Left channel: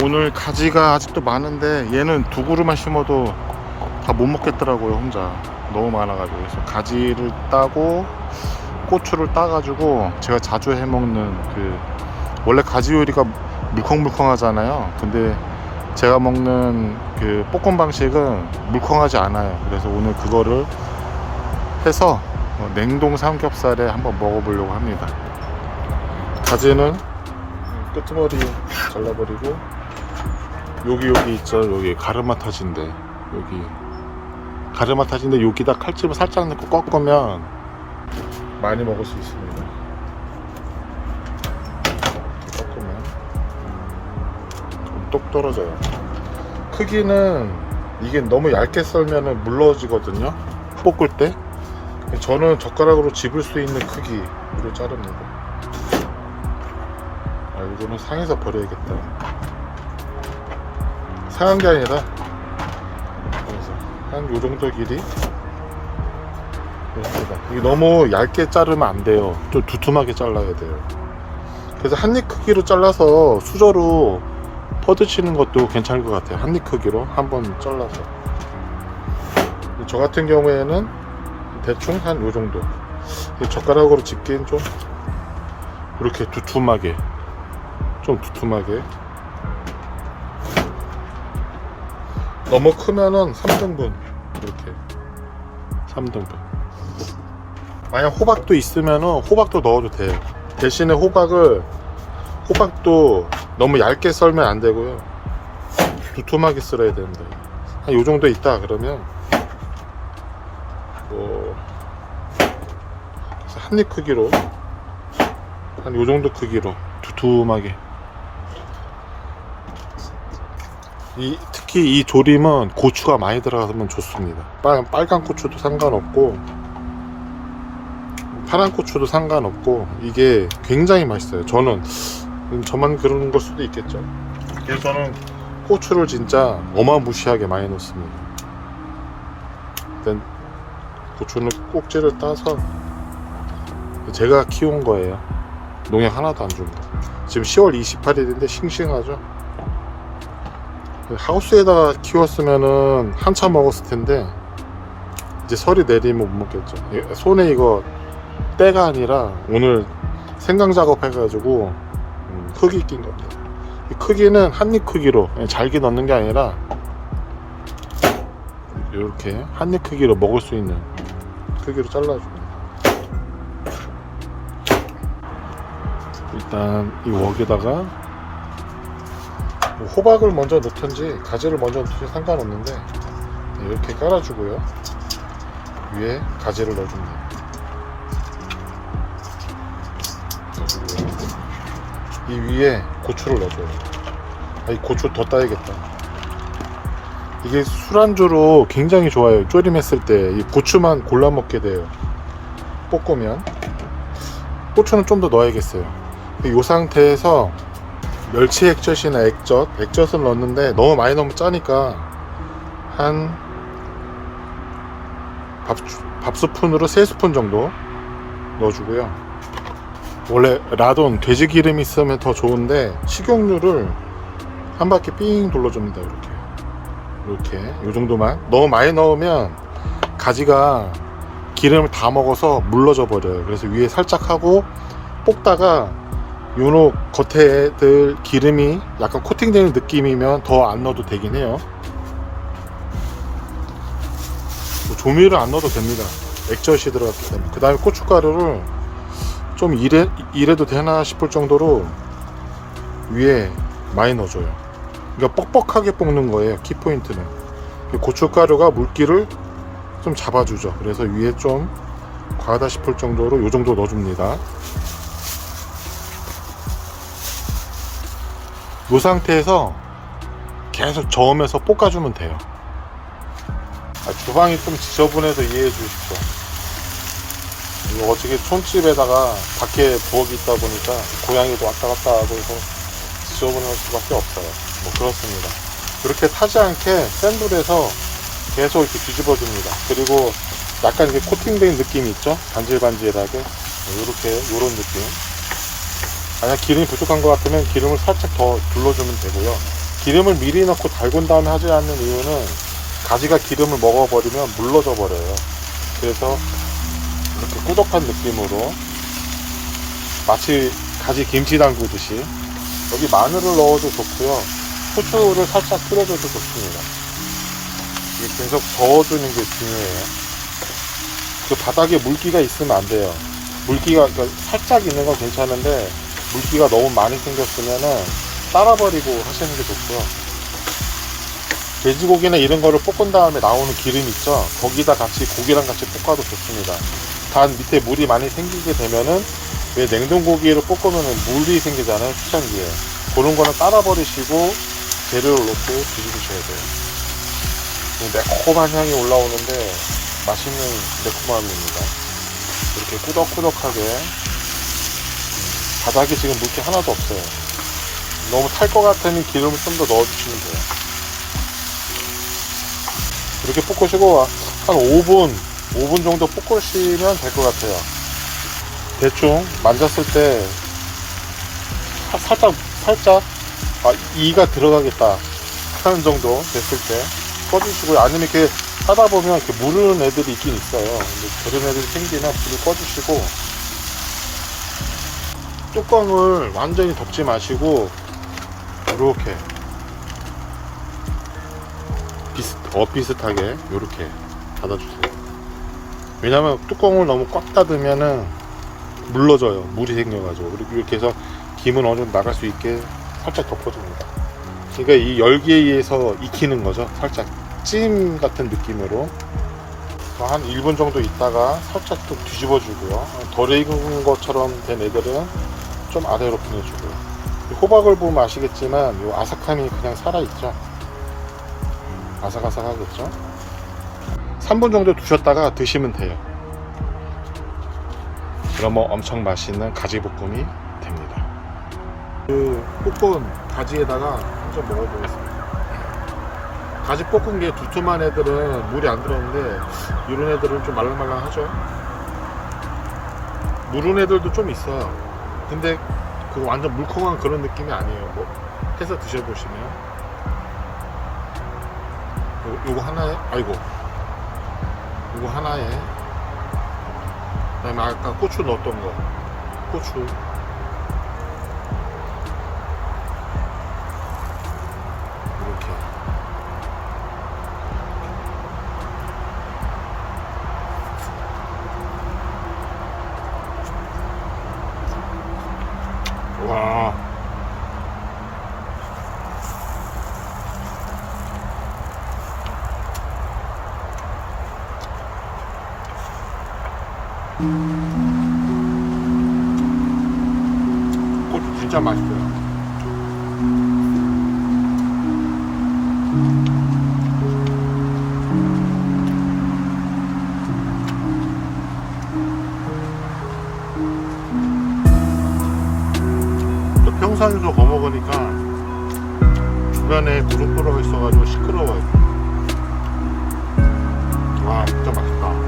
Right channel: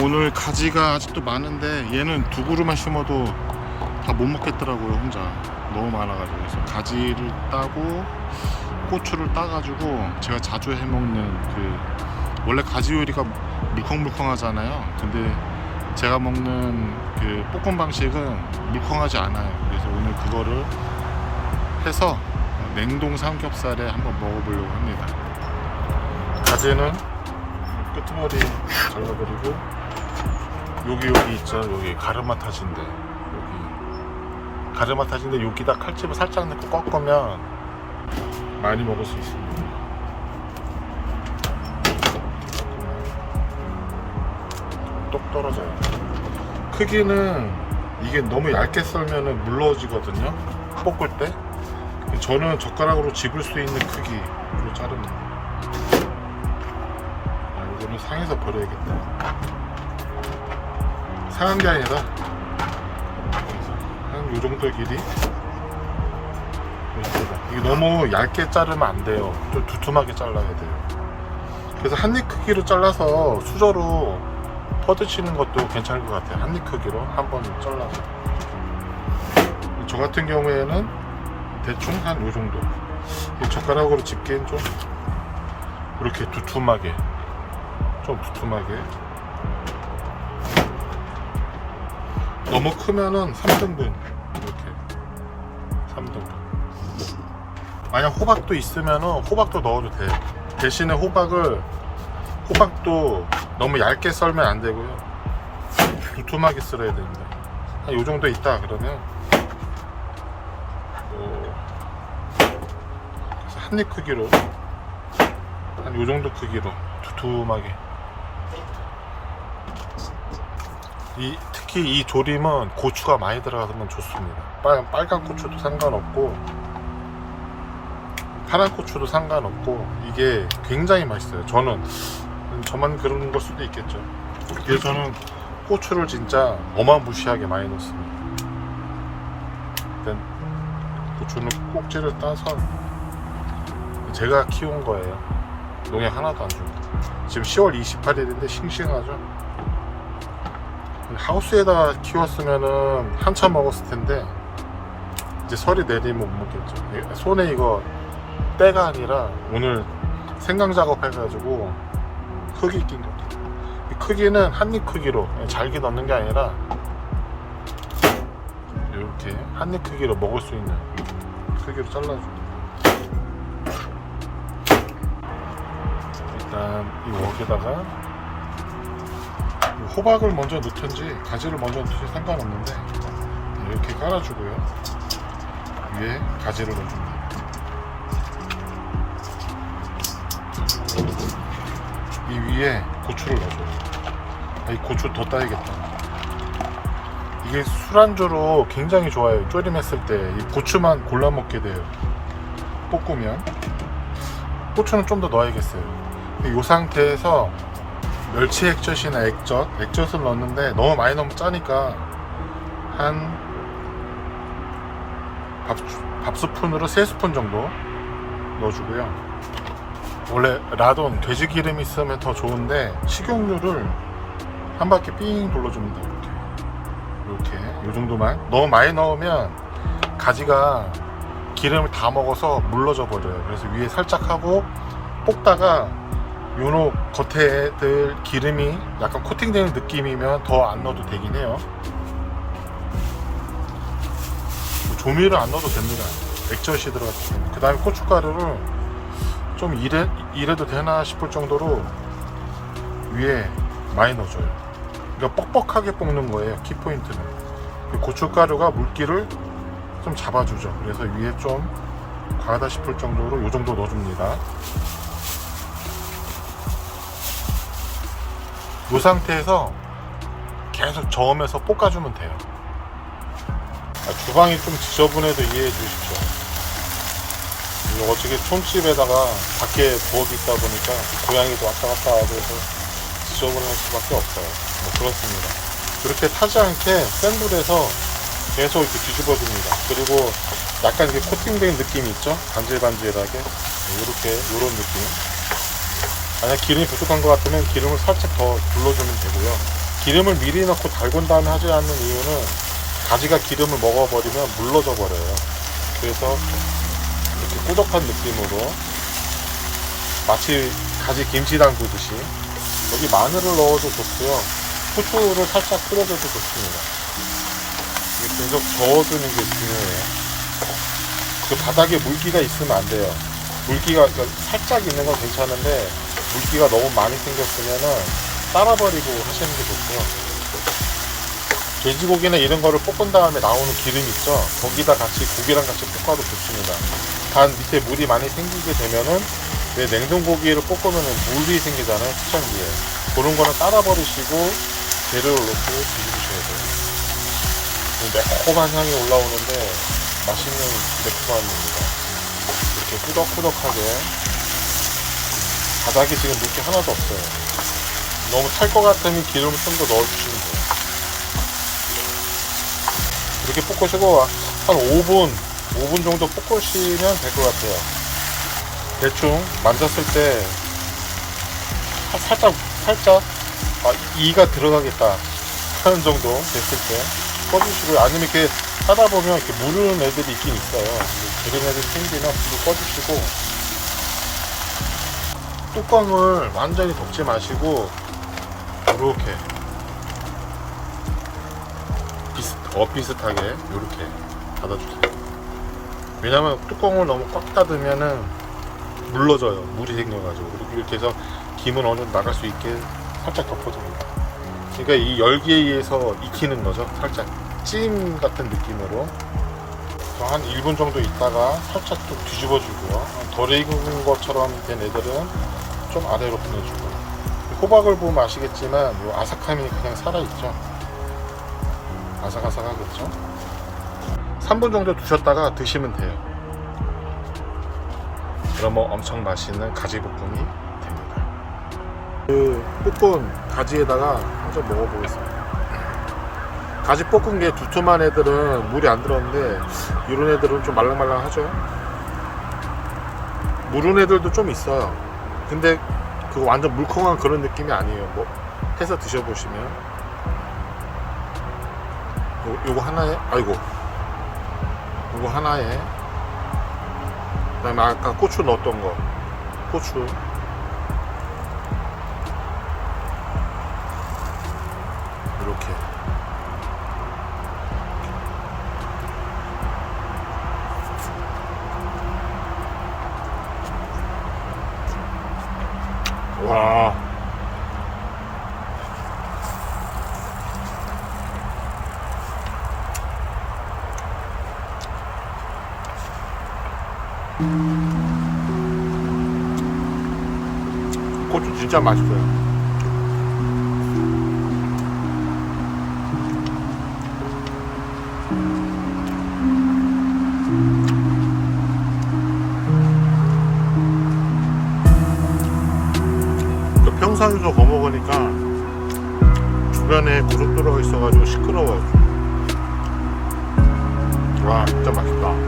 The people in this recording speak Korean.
오늘 가지가 아직도 많은데 얘는 두 그루만 심어도 다 못 먹겠더라고요. 혼자 너무 많아가지고. 그래서 가지를 따고 고추를 따가지고 제가 자주 해먹는 원래 가지 요리가 물컹물컹하잖아요. 근데 제가 먹는 볶음 방식은 물컹하지 않아요. 그래서 오늘 그거를 해서 냉동 삼겹살에 한번 먹어보려고 합니다. 가지는 끄트머리 잘라버리고 여기 있죠. 여기 가르마타진데, 여기 가르마타진데 여기다 칼집을 살짝 넣고 꺾으면 많이 먹을 수 있습니다. 꺾으면 똑 떨어져요. 크기는 이게 너무 얇게 썰면 물러지거든요, 볶을 때. 저는 젓가락으로 집을 수 있는 크기로 자릅니다. 이거는 상해서 버려야겠다. 상한 게 아니라 한 요정도 길이. 이거 너무 얇게 자르면 안 돼요. 또 두툼하게 잘라야 돼요. 그래서 한입 크기로 잘라서 수저로 퍼드치는 것도 괜찮을 것 같아요. 한입 크기로 한번 잘라서. 저 같은 경우에는 대충 한 요정도. 젓가락으로 집기는 좀 이렇게 두툼하게, 너무 크면은 3등분, 이렇게 3등분. 만약 호박도 있으면은 호박도 넣어도 돼요. 대신에 호박도 너무 얇게 썰면 안 되고요, 두툼하게 썰어야 됩니다. 한 요 정도 있다 그러면 한입 크기로, 한 요 정도 크기로 두툼하게. 특히 이 조림은 고추가 많이 들어가면 좋습니다. 빨간 고추도 상관없고 파란 고추도 상관없고 이게 굉장히 맛있어요. 저만 그런 걸 수도 있겠죠. 그래서 저는 고추를 진짜 어마무시하게 많이 넣습니다. 일단 고추는 꼭지를 따서, 제가 키운 거예요. 농약 하나도 안 줍니다. 지금 10월 28일인데 싱싱하죠. 하우스에다가 키웠으면은 한참 먹었을 텐데 이제 설이 내리면 못 먹겠죠. 손에 이거 때가 아니라 오늘 생강 작업 해가지고 흙이 낀 겁니다. 이 크기는 한입 크기로, 잘게 넣는 게 아니라 이렇게 한입 크기로 먹을 수 있는 크기로 잘라줍니다. 일단 이 웍에다가 호박을 먼저 넣든지 가지를 먼저 넣든지 상관없는데 이렇게 깔아주고요, 위에 가지를 넣어줍니다. 이 위에 고추를 넣어줘요. 이 고추 더 따야겠다. 이게 술안주로 굉장히 좋아요. 조림했을 때 이 고추만 골라 먹게 돼요. 볶으면 고추는 좀 더 넣어야겠어요. 이 상태에서 멸치 액젓이나 액젓을 넣는데 너무 많이 넣으면 짜니까 한 밥스푼으로 3스푼 정도 넣어주고요. 원래 라돈 돼지 기름이 있으면 더 좋은데 식용유를 한 바퀴 삥 둘러줍니다. 이렇게 요 정도만. 너무 많이 넣으면 가지가 기름을 다 먹어서 물러져 버려요. 그래서 위에 살짝 하고 볶다가 요노 겉에 기름이 약간 코팅되는 느낌이면 더 안 넣어도 되긴 해요. 조미료를 안 넣어도 됩니다. 액젓이 들어갔기 때문에. 그 다음에 고춧가루를 좀 이래도 되나 싶을 정도로 위에 많이 넣어줘요. 그러니까 뻑뻑하게 볶는 거예요. 키포인트는 고춧가루가 물기를 좀 잡아주죠. 그래서 위에 좀 과하다 싶을 정도로 요 정도 넣어줍니다. 이 상태에서 계속 저으면서 볶아주면 돼요. 주방이 좀 지저분해도 이해해 주십시오. 어저께 촌집에다가 밖에 부엌이 있다 보니까 고양이도 왔다 갔다 하고 해서 지저분할 수밖에 없어요. 그렇습니다. 그렇게 타지 않게 센 불에서 계속 이렇게 뒤집어줍니다. 그리고 약간 이렇게 코팅된 느낌이 있죠? 반질반질하게. 이런 느낌. 만약 기름이 부족한 것 같으면 기름을 살짝 더 둘러주면 되고요. 기름을 미리 넣고 달군 다음에 하지 않는 이유는 가지가 기름을 먹어버리면 물러져 버려요. 그래서 이렇게 꾸덕한 느낌으로 마치 가지 김치 담그듯이. 여기 마늘을 넣어도 좋고요, 후추를 살짝 뿌려줘도 좋습니다. 계속 저어주는 게 중요해요. 그 바닥에 물기가 있으면 안 돼요. 물기가 그러니까 살짝 있는 건 괜찮은데 물기가 너무 많이 생겼으면은 따라버리고 하시는 게 좋고요. 돼지고기나 이런 거를 볶은 다음에 나오는 기름 있죠? 거기다 같이 고기랑 같이 볶아도 좋습니다. 단 밑에 물이 많이 생기게 되면은, 왜 냉동고기를 볶으면은 물이 생기잖아요, 수증기에. 그런 거는 따라버리시고 재료를 넣고 뒤집으셔야 돼요. 매콤한 향이 올라오는데 맛있는 매콤함입니다. 이렇게 꾸덕꾸덕하게. 바닥에 지금 물기 하나도 없어요. 너무 탈 것 같으면 기름을 좀 더 넣어주시면 돼요. 이렇게 볶으시고 한 5분 정도 볶으시면 될 것 같아요. 대충 만졌을 때 살짝 이가 들어가겠다 하는 정도 됐을 때 꺼주시고요. 아니면 이렇게 하다 보면 이렇게 무르는 애들이 있긴 있어요. 그런 애들 생기면 불을 꺼주시고, 뚜껑을 완전히 덮지 마시고 이렇게 비슷하게 이렇게 닫아주세요. 왜냐면 뚜껑을 너무 꽉 닫으면은 물러져요. 물이 생겨가지고. 그리고 이렇게 해서 김은 어느 정도 나갈 수 있게 살짝 덮어줍니다. 그러니까 이 열기에 의해서 익히는 거죠. 살짝 찜 같은 느낌으로. 한 1분 정도 있다가 살짝 또 뒤집어주고요. 덜 익은 것처럼 된 애들은 좀 아래로 보내주고요. 호박을 보면 아시겠지만 이 아삭함이 그냥 살아있죠. 아삭아삭하겠죠. 3분 정도 두셨다가 드시면 돼요. 그러면 엄청 맛있는 가지볶음이 됩니다. 그 볶은 가지에다가 한 점 먹어보겠습니다. 가지 볶은 게 두툼한 애들은 물이 안 들었는데 이런 애들은 좀 말랑말랑하죠. 무른 애들도 좀 있어요. 근데 그거 완전 물컹한 그런 느낌이 아니에요. 뭐 해서 드셔보시면 요거 하나에, 아이고, 요거 하나에, 그 다음에 아까 고추 넣었던 거, 고추 이렇게 와, 고추 진짜 맛있어요. 평상에서 거먹으니까 주변에 고속도로가 있어가지고 시끄러워요. 와, 진짜 맛있다.